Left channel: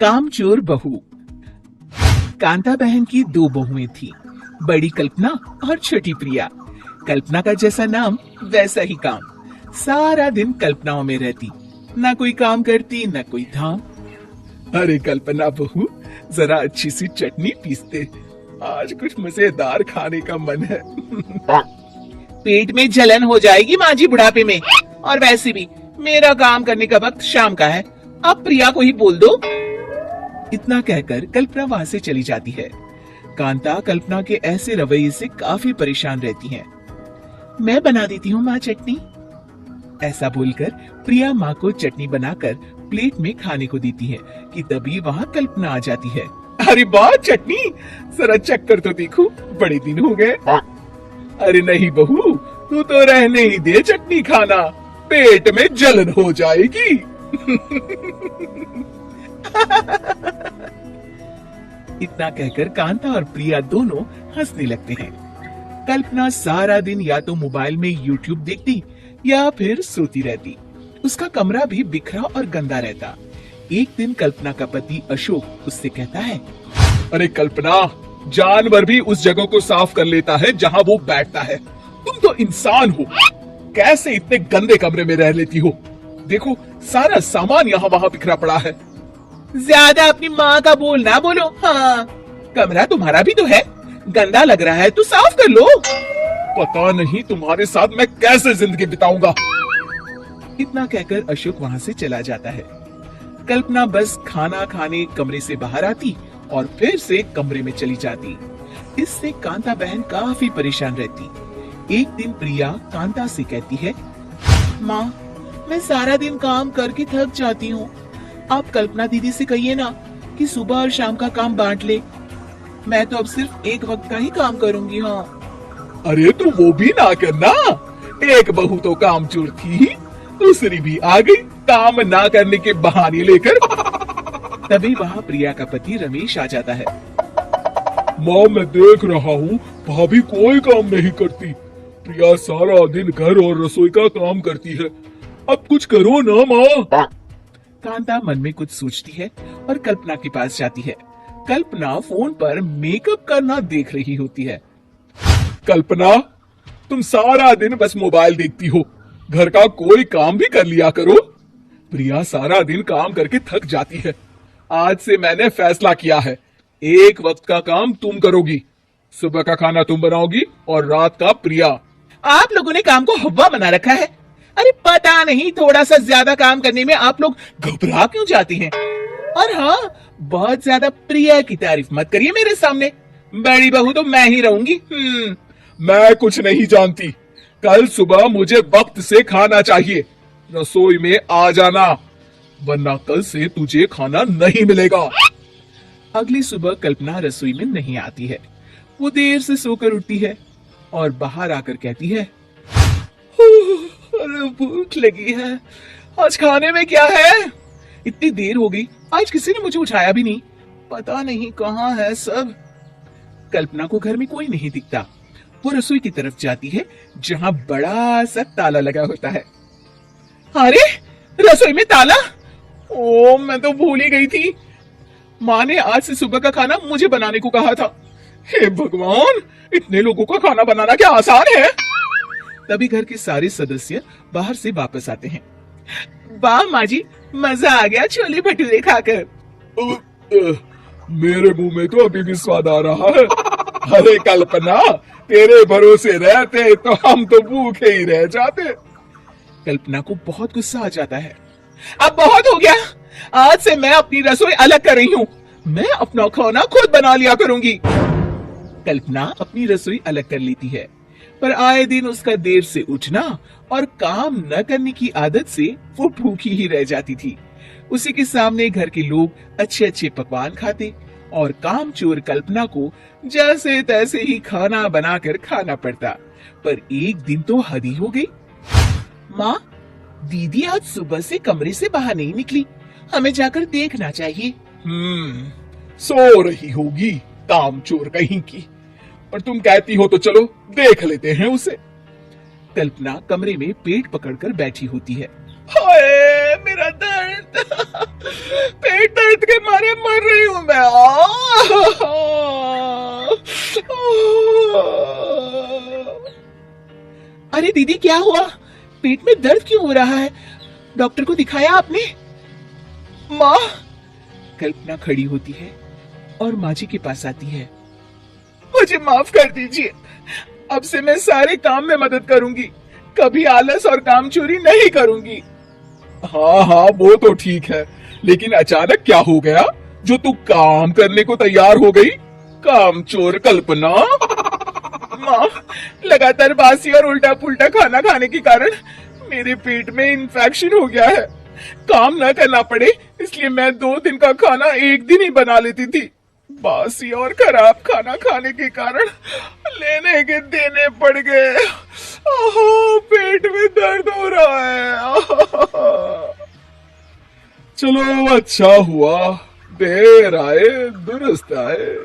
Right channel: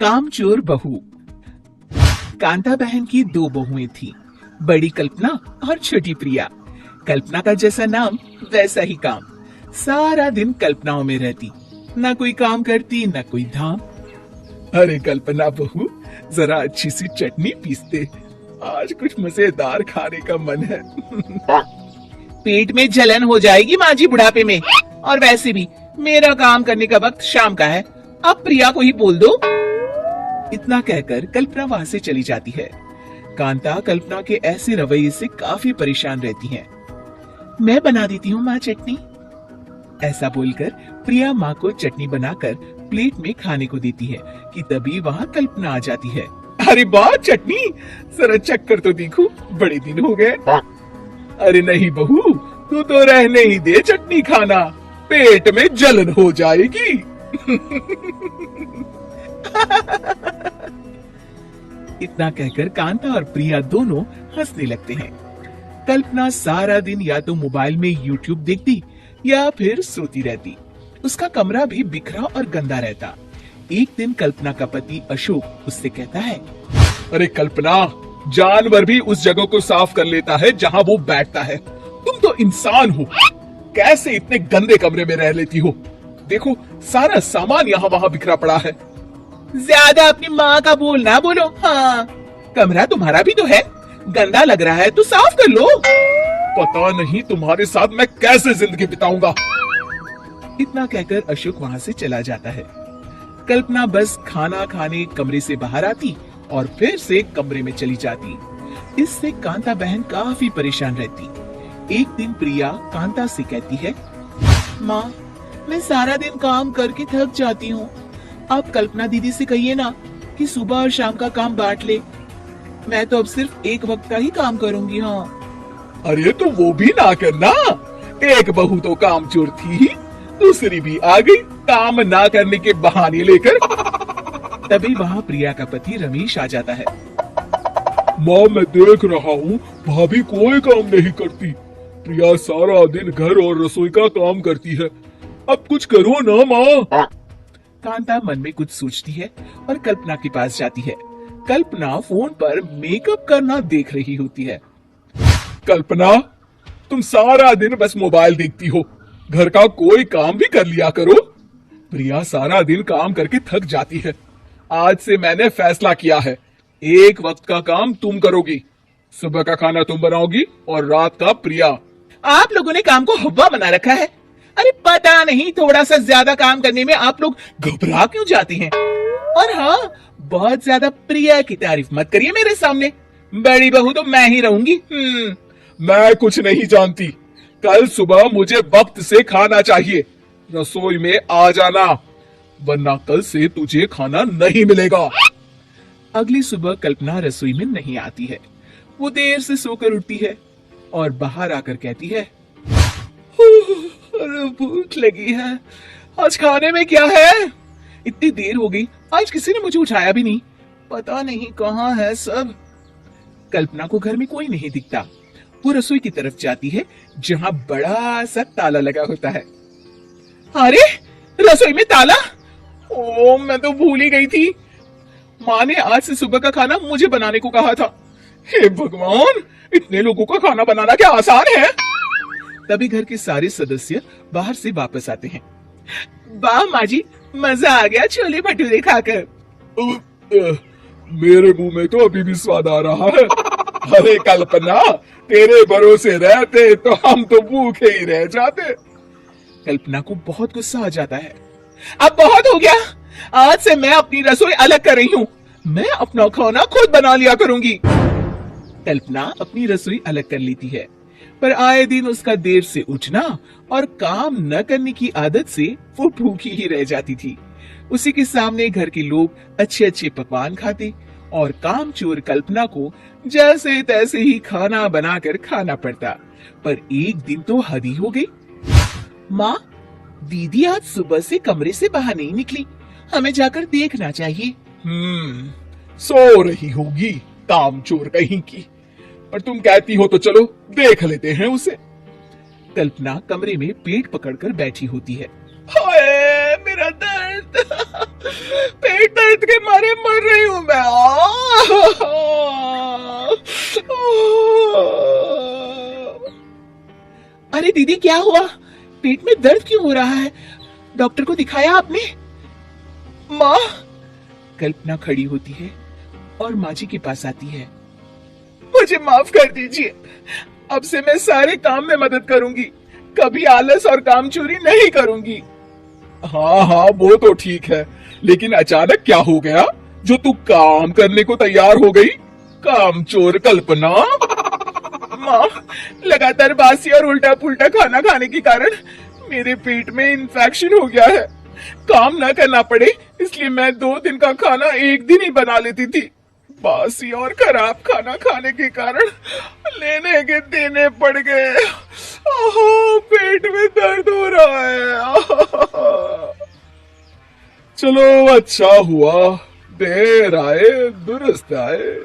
कामचोर बहू। कांता बहन की दो बहुएं थी, बड़ी कल्पना और छोटी प्रिया। कल्पना का जैसा नाम वैसा ही काम। सारा दिन कल्पनाओं में रहती, ना कोई काम करती ना कोई धाम। अरे कल्पना बहू, जरा अच्छी सी चटनी पीसते, आज कुछ मजेदार खाने का मन है। पेट में जलन हो जाएगी माँ जी बुढ़ापे में, और वैसे भी मेरा काम करने का वक्त शाम का है, अब प्रिया को ही बोल दो। इतना कहकर कल्पना वहां से चली जाती है। कांता कल्पना के ऐसे रवैये से काफी परेशान रहती है। मैं बना देती हूँ माँ चटनी, ऐसा बोलकर प्रिया माँ को चटनी बनाकर प्लेट में खाने को देती है कि तभी वहाँ कल्पना आ जाती है। अरे वाह चटनी, जरा चक्कर तो देखो, बड़े दिन हो गए। अरे नहीं बहू, तू तो रहने ही दे चटनी खाना, पेट में जलन हो जाएगी। इतना कहकर कांता और प्रिया दोनों हंसने लगते हैं। कल्पना सारा दिन या तो मोबाइल में यूट्यूब देखती या फिर सोती रहती। उसका कमरा भी बिखरा और गंदा रहता। एक दिन कल्पना का पति अशोक उससे कहता है, अरे कल्पना, जानवर भी उस जगह को साफ कर लेता है जहाँ वो बैठता है, तुम तो इंसान हो, कैसे इतने गंदे कमरे में रह लेती हो? देखो सारा सामान यहाँ वहाँ बिखरा पड़ा है। ज्यादा अपनी माँ का बोल ना बोलो। हाँ, कमरा तुम्हारा भी तो है, गंदा लग रहा है तो साफ कर लो। पता नहीं तुम्हारे साथ मैं कैसे जिंदगी बिताऊंगा। इतना कहकर अशोक वहाँ से चला जाता है। कल्पना बस खाना खाने कमरे से बाहर आती और फिर से कमरे में चली जाती। इससे कांता बहन काफी परेशान रहती। एक दिन प्रिया कांता से कहती है, माँ, मैं सारा दिन काम करके थक जाती हूँ, आप कल्पना दीदी से कहिए ना कि सुबह और शाम का काम बांट ले, मैं तो अब सिर्फ एक वक्त का ही काम करूँगी। हाँ। अरे तो वो भी ना करना, एक बहू तो कामचोर थी, दूसरी भी आ गई काम ना करने के बहाने लेकर। तभी वहाँ प्रिया का पति रमेश आ जाता है। माँ, मैं देख रहा हूँ भाभी कोई काम नहीं करती, प्रिया सारा दिन घर और रसोई का काम करती है, अब कुछ करो ना माँ। कांता मन में कुछ सोचती है और कल्पना के पास जाती है। कल्पना फोन पर मेकअप करना देख रही होती है। कल्पना, तुम सारा दिन बस मोबाइल देखती हो, घर का कोई काम भी कर लिया करो। प्रिया सारा दिन काम करके थक जाती है, आज से मैंने फैसला किया है, एक वक्त का काम तुम करोगी, सुबह का खाना तुम बनाओगी और रात का प्रिया। आप लोगों ने काम को हवा बना रखा है। अरे पता नहीं थोड़ा सा ज्यादा काम करने में आप लोग घबरा क्यों जाती हैं? और हाँ, बहुत ज्यादा प्रिया की तारीफ मत करिए मेरे सामने, बड़ी बहू तो मैं ही रहूंगी। मैं कुछ नहीं जानती, कल सुबह मुझे वक्त से खाना चाहिए, रसोई में आ जाना, वरना कल से तुझे खाना नहीं मिलेगा। अगली सुबह कल्पना रसोई में नहीं आती है। वो देर से सोकर उठती है और बाहर आकर कहती है, अरे भूख लगी है, आज खाने में क्या है? इतनी देर हो गई, आज किसी ने मुझे उठाया भी नहीं, पता नहीं कहाँ है सब। कल्पना को घर में कोई नहीं दिखता। वो रसोई की तरफ जाती है जहाँ बड़ा सा ताला लगा होता है। अरे रसोई में ताला, ओ मैं तो भूल ही गई थी, माँ ने आज से सुबह का खाना मुझे बनाने को कहा था। हे भगवान, इतने लोगों का खाना बनाना क्या आसान है? तभी घर के सारे सदस्य बाहर से वापस आते हैं। वाह माँ जी, मजा आ गया छोले भटूरे खाकर। मेरे मुंह में तो अभी भी स्वाद आ रहा है। अरे कल्पना, तेरे भरोसे रहते तो हम तो भूखे ही रह जाते। कल्पना को बहुत गुस्सा आ जाता है। अब बहुत हो गया, आज से मैं अपनी रसोई अलग कर रही हूँ, मैं अपना खाना खुद बना लिया करूंगी। कल्पना अपनी रसोई अलग कर लेती है, पर आए दिन उसका देर से उठना और काम न करने की आदत से वो भूखी ही रह जाती थी। उसी के सामने घर के लोग अच्छे अच्छे पकवान खाते और कामचोर कल्पना को जैसे तैसे ही खाना बनाकर खाना पड़ता। पर एक दिन तो हद ही हो गई। माँ, दीदी आज सुबह से कमरे से बाहर नहीं निकली, हमें जाकर देखना चाहिए। सो रही होगी कामचोर कहीं की, और तुम कहती हो तो चलो देख लेते हैं उसे। कल्पना कमरे में पेट पकड़कर बैठी होती है। हाय मेरा दर्द, पेट दर्द के मारे मर रही हूं मैं। अरे दीदी, क्या हुआ? पेट में दर्द क्यों हो रहा है? डॉक्टर को दिखाया आपने? माँ। कल्पना खड़ी होती है और माँ जी के पास आती है। मुझे माफ कर दीजिए, अब से मैं सारे काम में मदद करूंगी, कभी आलस और काम चोरी नहीं करूंगी। हाँ हाँ, वो तो ठीक है, लेकिन अचानक क्या हो गया जो तू काम करने को तैयार हो गई? काम चोर कल्पना। माँ, लगातार बासी और उल्टा पुल्टा खाना खाने के कारण मेरे पेट में इन्फेक्शन हो गया है। काम न करना पड़े इसलिए मैं 2 दिन का खाना एक दिन ही बना लेती थी। बासी और खराब खाना खाने के कारण लेने के देने पड़ गए। पेट में दर्द हो रहा है। चलो, अच्छा हुआ, देर आए दुरुस्त आए।